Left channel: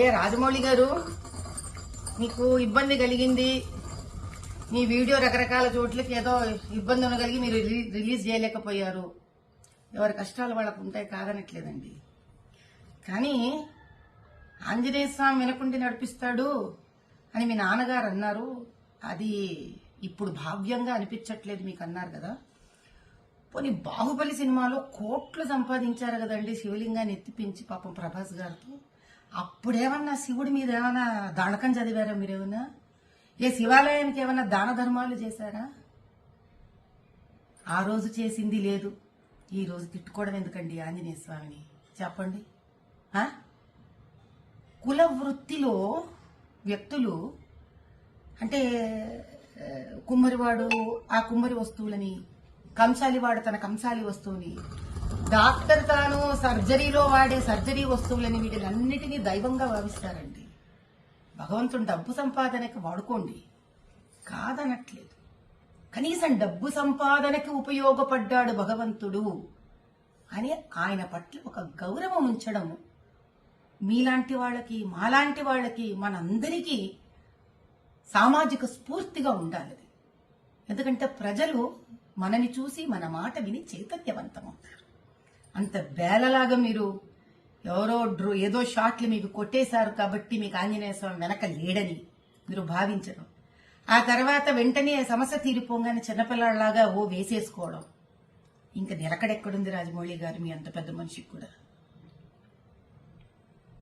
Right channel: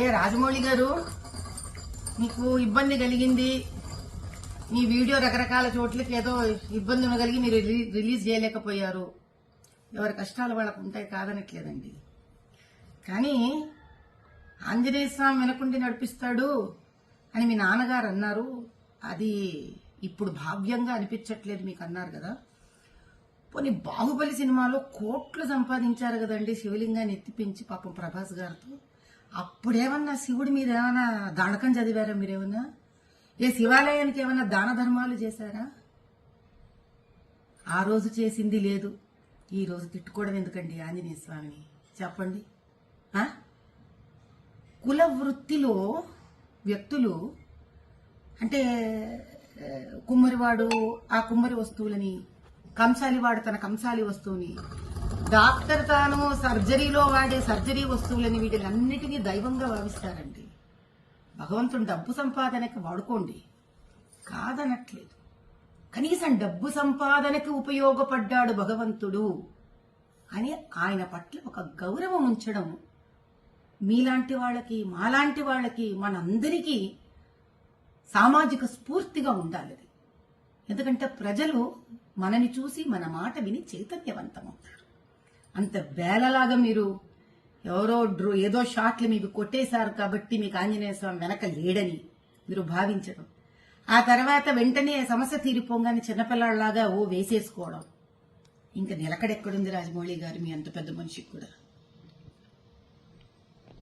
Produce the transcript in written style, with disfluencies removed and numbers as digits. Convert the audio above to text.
రాజమౌళి గారు, మీకు ఇబ్బంది కలిగింది, మీ వీడియో రకరకాల చోట్లకి ఏదో ఇబ్బంది కలిగి మీరు రిలీజ్ చేయలేకపోయారు. ఎవరి కష్టాలు వాళ్ళకు ఉంటాయి, కాదనట్లేదండి. కానీ ఆంజనేయ స్వామి వెనకుండి నడిపిస్తాడు అని మీ నాన్నగారు అన్నారు. అది ఇప్పుడు భావ్యంగా అనిపించట్లేదు మీకు అన్నారు కదా. పోనీ బాహుబలి సినిమాలో కోట్లు సంపాదించారు కదండి, శివలింగాన్ని ఎత్తిపించి పాపం ప్రభాస్ గారితో. అప్పుడేమన్నా శివుడి మీద ఏమైనా దానకం చదివారా మీరేమన్నా? ఏ శివాలయానికి ఏమైనా దాన ధర్మాలు చేశారా? ఆ రోజు చేసింది లేదు, ఈ రోజు తిట్టుకోవడం ఎందుకండి ఆంజనేయ స్వామిని చెప్పండి. కుల వృత్తిలో వ్యక్తులు అంటే కుమ్మరివాడు ఆ కుమ్మరి వస్తువులని, కంసాలివాడు తన కంసాలి వస్తువుని, డాక్టర్ తాను సర్జరీలో వాడే సర్జరీ వస్తువులని, వీటిలన్నిటినీ దైవంగా భావిస్తారండి. భగవంతుడు డబ్బు సంపాదనకి వాడుకోండి, కాదనట్లేదు. కనీసం డబ్బు సంపాదనకి ఉపయోగపడ్డాడు భగవంతుడు అని ఆయన పట్ల ఒక గౌరవం ఉంచడం మీలాంటి వాళ్ళకి, మాలాంటి వాళ్ళకి, మనందరికీ సామాజిక స్ఫూర్తిగా ఉండాలి. ఎందుకంటే ప్రజలు మనని చూసి మన మాట విని చైతన్యవంతమవుతారు. అంత బేలలాగా మీరు ఎవరో ఏదో షాట్లు మీకు కొట్టేశారు కాబట్టి మీకు ఆంజనేయ స్వామి వెనక లేడని మీరు భావించడం, ఆ తర్వాత వెంటనే సమస్య తీరిపోగానే చిన్నపిల్లలాగా వేసేసుకోవడం, ఇంకా నిలకడెక్కడుంది రాజమౌళి గారు మీ అంత పెద్ద మనిషికి కూడా.